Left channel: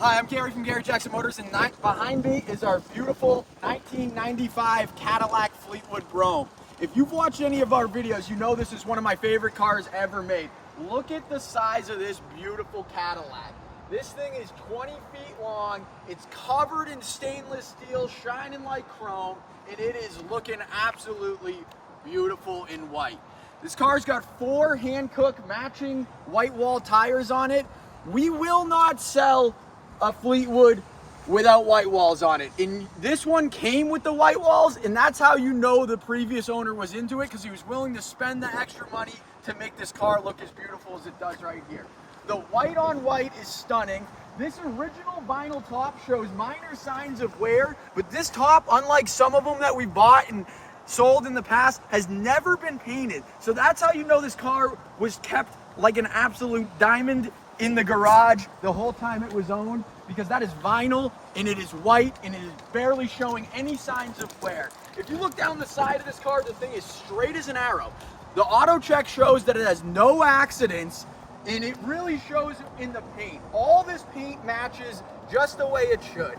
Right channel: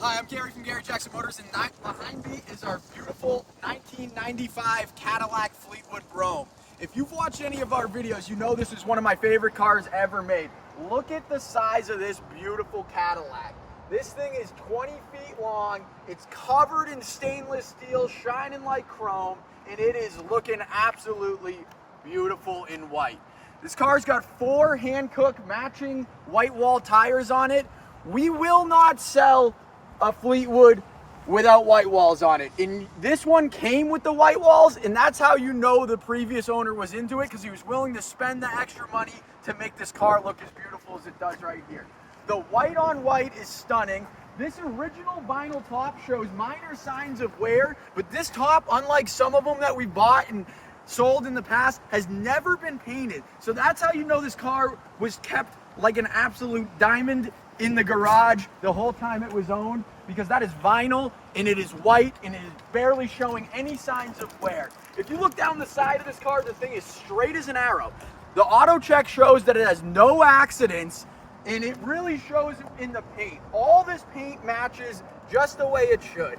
Hi, I'm Gary from Gary Jackson Motors, and behind me is our beautiful 1995 Cadillac Fleetwood Brougham. If you've watched any of our videos, you know this is one of my favorite cars ever made. Look at the size of this beautiful Cadillac. This thing is 20 feet long, it's covered in stainless steel, shining like chrome, and it is looking absolutely beautiful in white. This car's got 4 Hankook matching white wall tires on it. We will not sell a Fleetwood without white walls on it. And this one came with the white walls, and that's how you know the previous owner was into it, because he was willing to spend the extra money to make this car look as beautiful as it does right here. The white on white is stunning. This original vinyl top shows minor signs of wear, but this top, unlike some of them that we bought and sold in the past, has never been painted. So that's how you know this car was kept like an absolute diamond in the garage the whole time it was owned, because that is vinyl and it is white and it is barely showing any signs of wear. If you look down the side of this car, the thing is straight as an arrow. The auto check shows that it has no accidents, and it really shows in the paint. All this paint matches just the way it should.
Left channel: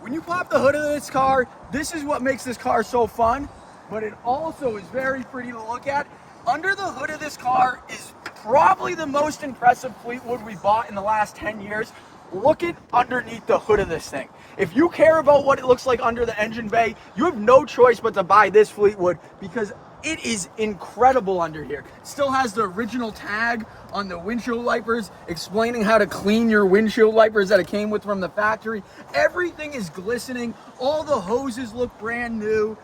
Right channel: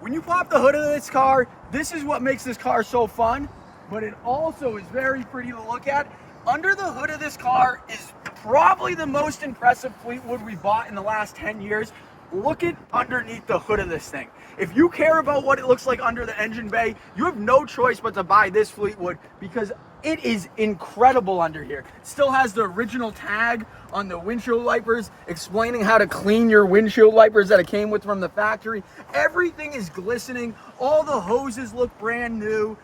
When you pop the hood of this car, this is what makes this car so fun, but it also is very pretty to look at. Under the hood of this car is probably the most impressive Fleetwood we bought in the last 10 years. Look at underneath the hood of this thing. If you care about what it looks like under the engine bay, you have no choice but to buy this Fleetwood, because it is incredible under here. It still has the original tag on the windshield wipers explaining how to clean your windshield wipers that it came with from the factory. Everything is glistening. All the hoses look brand new.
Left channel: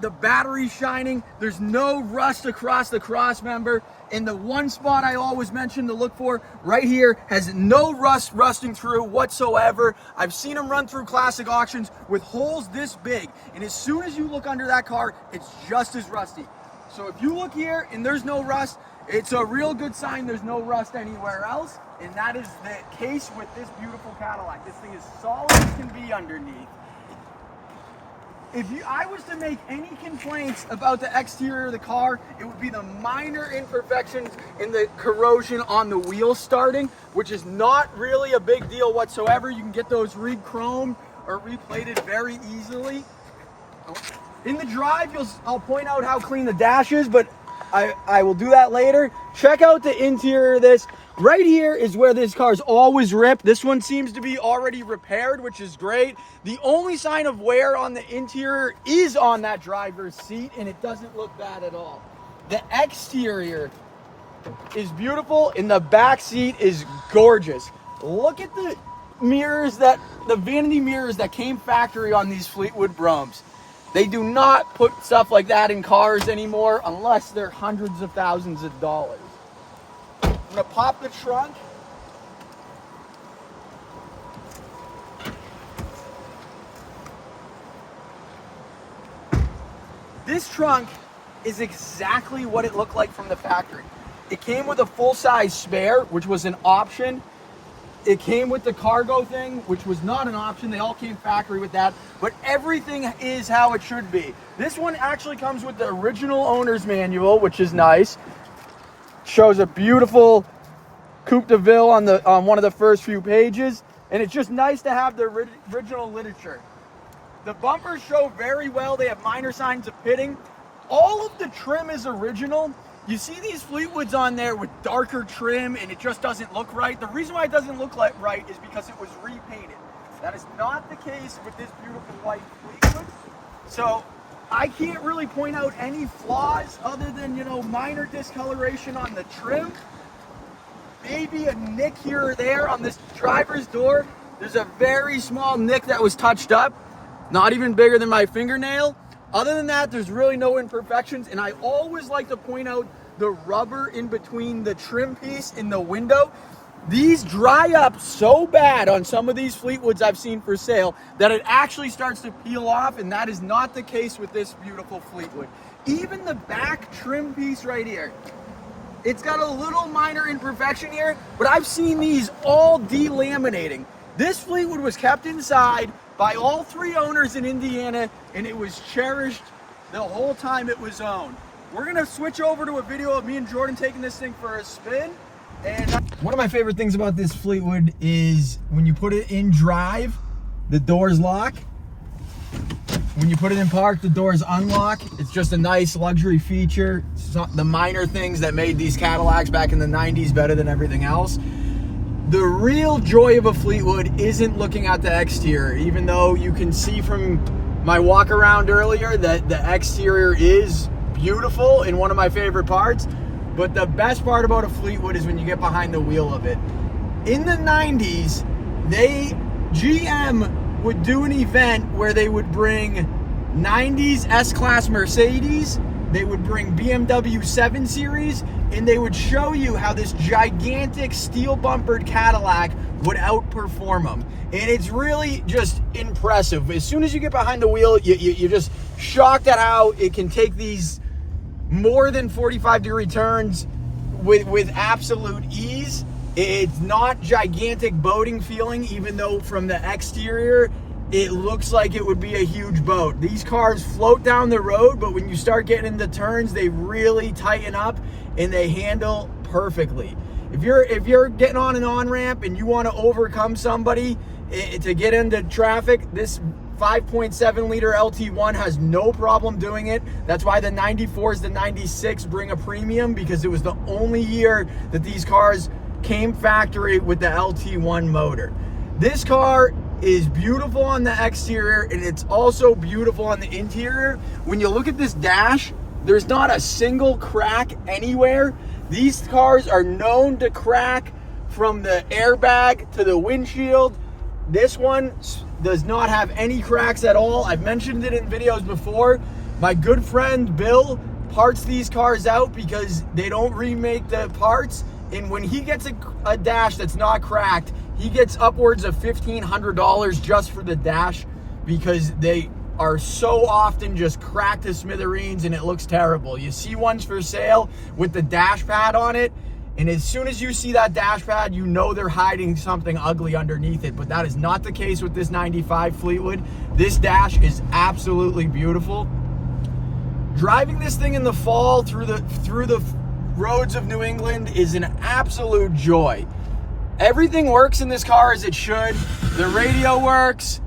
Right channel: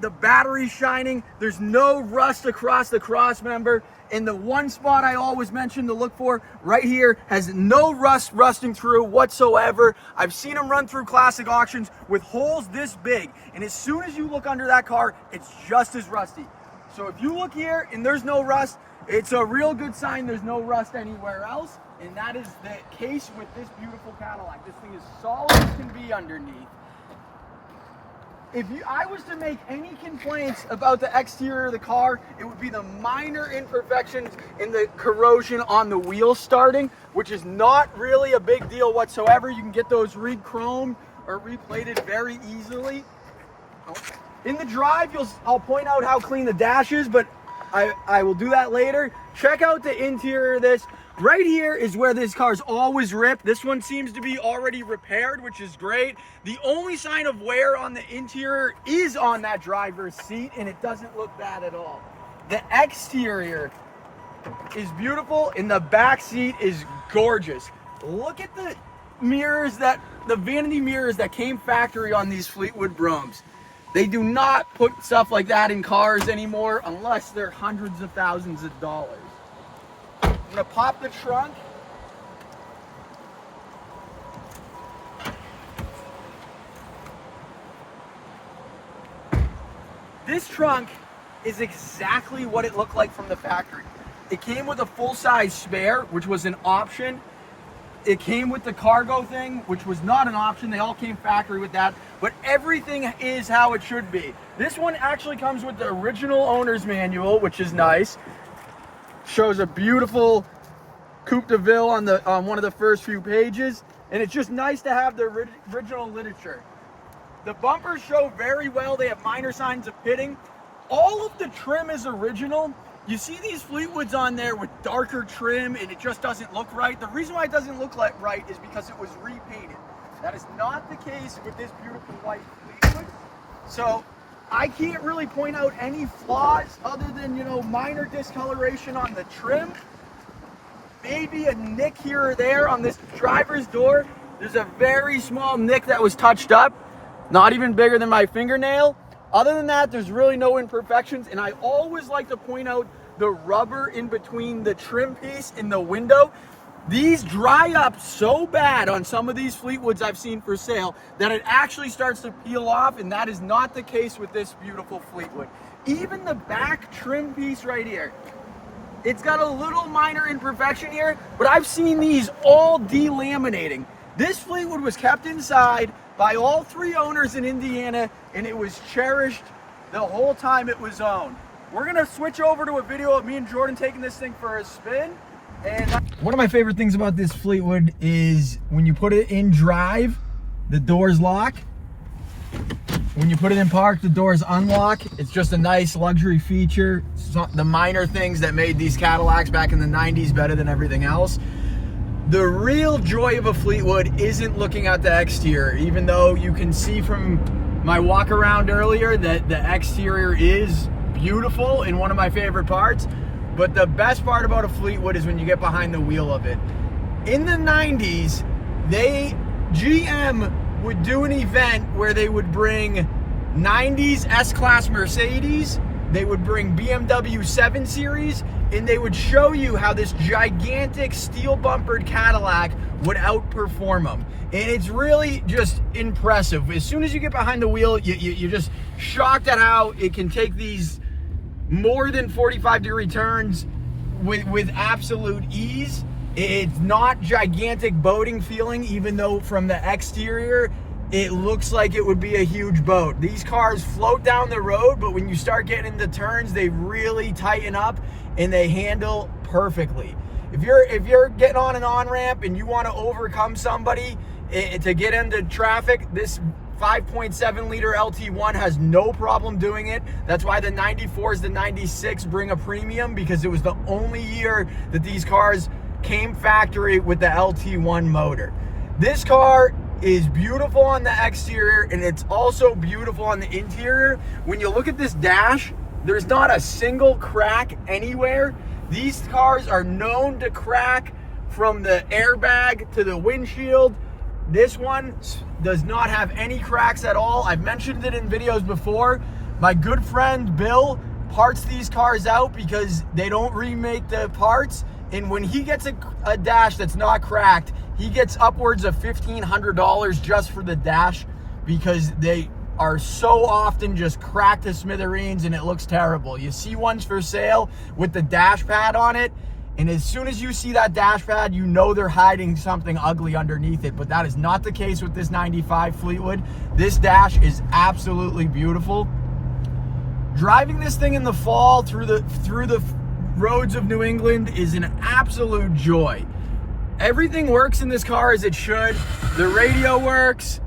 The battery's shining. There's no rust across the cross member. And the one spot I always mention to look for right here has no rust rusting through whatsoever. I've seen them run through classic auctions with holes this big, and as soon as you look under that car, it's just as rusty. So if you look here and there's no rust, it's a real good sign there's no rust anywhere else, and that is the case with this beautiful Cadillac. This thing is solid as can be underneath. If I was to make any complaints about the exterior of the car, it would be the minor imperfections in the corrosion on the wheels starting, which is not really a big deal whatsoever. You can get those re-chromed or replated very easily. In the drive, I'll point out how clean the dash is, but I will do that later. Check out the interior of this. Right here is where this car's always ripped. This one seems to be already repaired, which is great. The only sign of wear on the interior is on that driver's seat, and it doesn't look bad at all. The exterior is beautiful, and the back seat is gorgeous. Look at the mirrors, the vanity mirrors that came factory on these Fleetwood Broughams. They do not put stuff like that in cars anymore unless they're hundreds of thousands of dollars. I'm gonna pop the trunk. This trunk is exactly what it looked like from the factory. It came with a full-size spare, which was an option. It came with the cargo thing, which was not an option. They all came factory with that, but everything is how it should be. This one actually comes with the original owner's manual, which is nice. Shows a beautiful Coupe de Ville on one of the first few pages, and it's just nice to have the original literature. The bumpers show very well. They have minor signs of pitting. All of the trim is original. You see these Fleetwoods on there with darker trim, and it just doesn't look right. The reason why it doesn't look right is because it was repainted. That is not the case with this beautiful white Fleetwood. So I can't really point out any flaws other than, minor discoloration on the trim. Maybe a nick here or there on this driver's door. There's a very small nick that was touched up, not even bigger than my fingernail. Other than that, there's really no imperfections, and I always like to point out the rubber in between the trim piece and the window. These dry up so bad on some of these Fleetwoods I've seen for sale that it actually starts to peel off, and that is not the case with this beautiful Fleetwood. Even the back trim piece right here, it's got a little minor imperfection here, but I've seen these all delaminating. This Fleetwood was kept inside by all 3 owners in Indiana, and it was cherished the whole time it was owned. We're gonna switch over to a video of me and Jordan taking this thing for a spin, And one of my favorite things about this Fleetwood is when you put it in drive, the doors lock. When you put it in park, the doors unlock. It's just a nice luxury feature. So the minor things that made these Cadillacs back in the 90s better than everything else. The real joy of a Fleetwood isn't looking at the exterior, even though you can see from my walk around earlier that the exterior is beautiful and one of my favorite parts. But the best part about a Fleetwood is when you get behind the wheel of it. In the 90s, GM would do an event where they would bring 90s S-Class Mercedes, they would bring BMW 7 Series, and they would show you how this gigantic steel bumpered Cadillac would outperform them. And it's really just impressive. As soon as you get behind the wheel, you're just shocked at how it can take these more than 45-degree turns with absolute ease. It's not gigantic boating feeling, even though from the exterior it looks like it would be a huge boat. These cars float down the road, but when you start getting into turns, they really tighten up and they handle perfectly. If you're getting on an on-ramp and you want to overcome somebody to get into traffic, this 5.7 liter LT1 has no problem doing it. That's why the 94s, the 96 bring a premium, because it was the only year that these cars came factory with the LT1 motor. This car is beautiful on the exterior and it's also beautiful on the interior. When you look at this dash, there's not a single crack anywhere. These cars are known to crack from the airbag to the windshield. This one does not have any cracks at all. I've mentioned it in videos before. My good friend Bill parts these cars out because they don't remake the parts. And when he gets a dash that's not cracked, he gets upwards of $1,500 just for the dash, because they are so often just cracked to smithereens and it looks terrible. You see ones for sale with the dash pad on it, and as soon as you see that dash pad, you know they're hiding something ugly underneath it. But that is not the case with this 95 Fleetwood. This dash is absolutely beautiful. Driving this thing in the fall through the roads of New England is an absolute joy. Everything works in this car as it should. The radio works,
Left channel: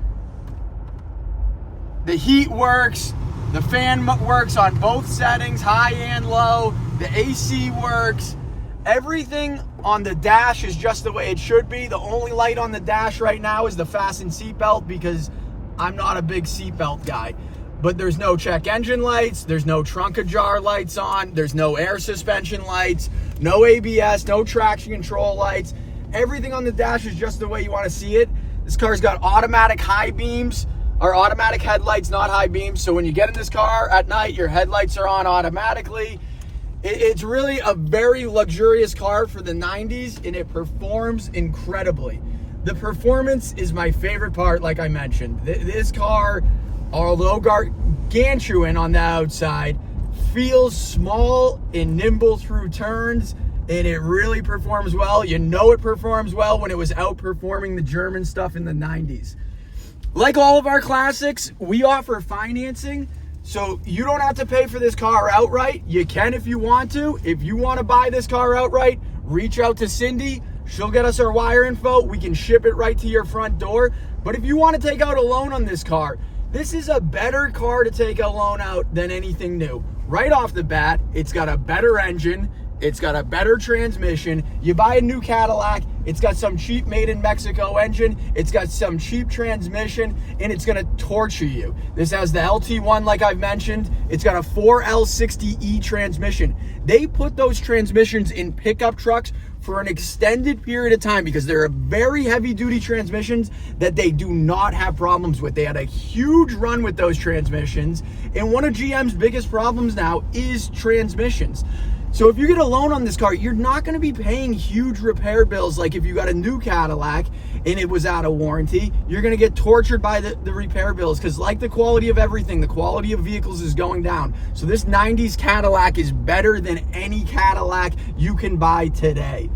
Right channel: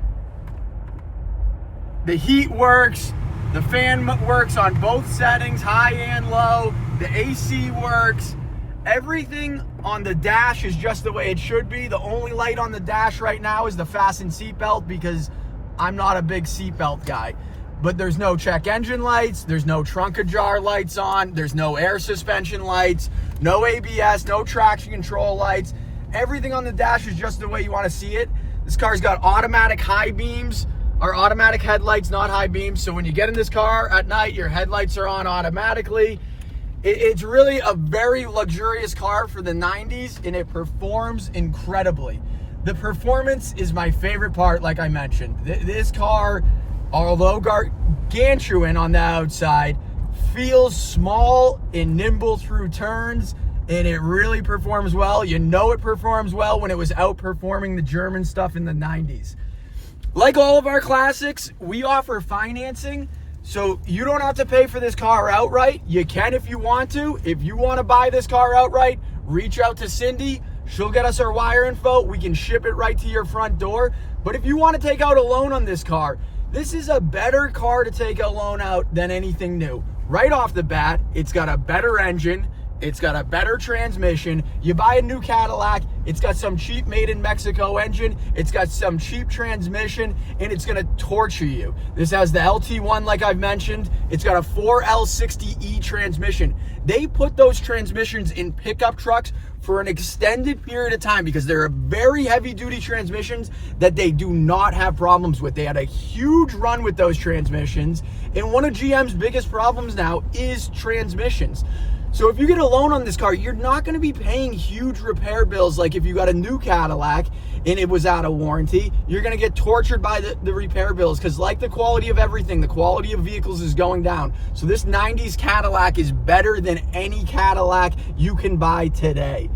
the heat works, the fan works on both settings, high and low, the AC works. Everything on the dash is just the way it should be. The only light on the dash right now is the fasten seatbelt, because I'm not a big seatbelt guy. But there's no check engine lights, there's no trunk ajar lights on, there's no air suspension lights, no ABS, no traction control lights. Everything on the dash is just the way you want to see it. This car's got automatic high beams, or automatic headlights, not high beams. So when you get in this car at night, your headlights are on automatically. It's really a very luxurious car for the 90s, and it performs incredibly. The performance is my favorite part, like I mentioned. This car, although gargantuan on the outside, feels small and nimble through turns, and it really performs well. You know it performs well when it was outperforming the German stuff in the 90s. Like all of our classics, we offer financing, so you don't have to pay for this car outright. You can if you want to. If you want to buy this car outright, reach out to Cindy. She'll get us our wire info. We can ship it right to your front door. But if you want to take out a loan on this car, this is a better car to take a loan out than anything new. Right off the bat, it's got a better engine. It's got a better transmission. You buy a new Cadillac, it's got some cheap made in Mexico engine, it's got some cheap transmission, and it's gonna torture you. This has the LT1, like I've mentioned. It's got a 4L60E transmission. They put those transmissions in pickup trucks for an extended period of time because they're very heavy duty transmissions that they do not have problems with. They had a huge run with those transmissions, and one of GM's biggest problems now is transmissions. So if you get a loan on this car, you're not going to be paying huge repair bills like if you got a new Cadillac and it was out of warranty. You're going to get tortured by the repair bills, because like the quality of everything, the quality of vehicles is going down. So this 90s Cadillac is better than any Cadillac you can buy today.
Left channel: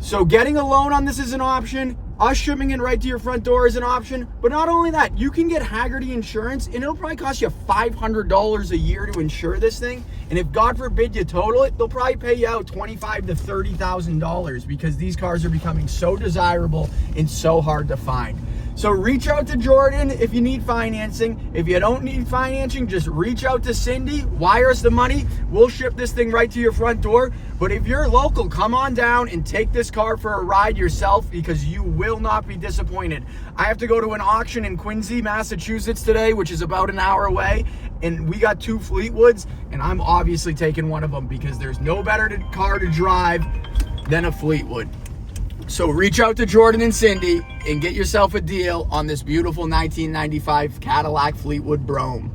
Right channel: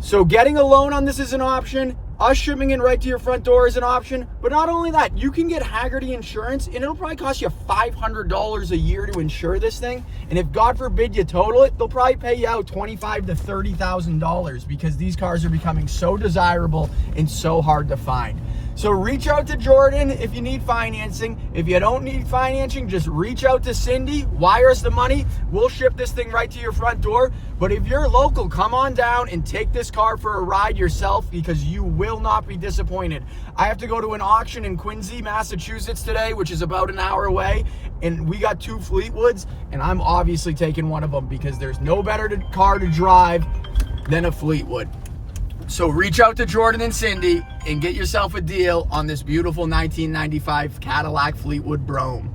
So getting a loan on this is an option. Us shipping it right to your front door is an option, but not only that, you can get Haggerty insurance, and it'll probably cost you $500 a year to insure this thing. And if God forbid you total it, they'll probably pay you out $25,000 to $30,000 because these cars are becoming so desirable and so hard to find. So reach out to Jordan if you need financing. If you don't need financing, just reach out to Cindy, wire us the money. We'll ship this thing right to your front door. But if you're local, come on down and take this car for a ride yourself because you will not be disappointed. I have to go to an auction in Quincy, Massachusetts today, which is about an hour away. And we got 2 Fleetwoods, and I'm obviously taking one of them because there's no better car to drive than a Fleetwood. So reach out to Jordan and Cindy and get yourself a deal on this beautiful 1995 Cadillac Fleetwood Brougham.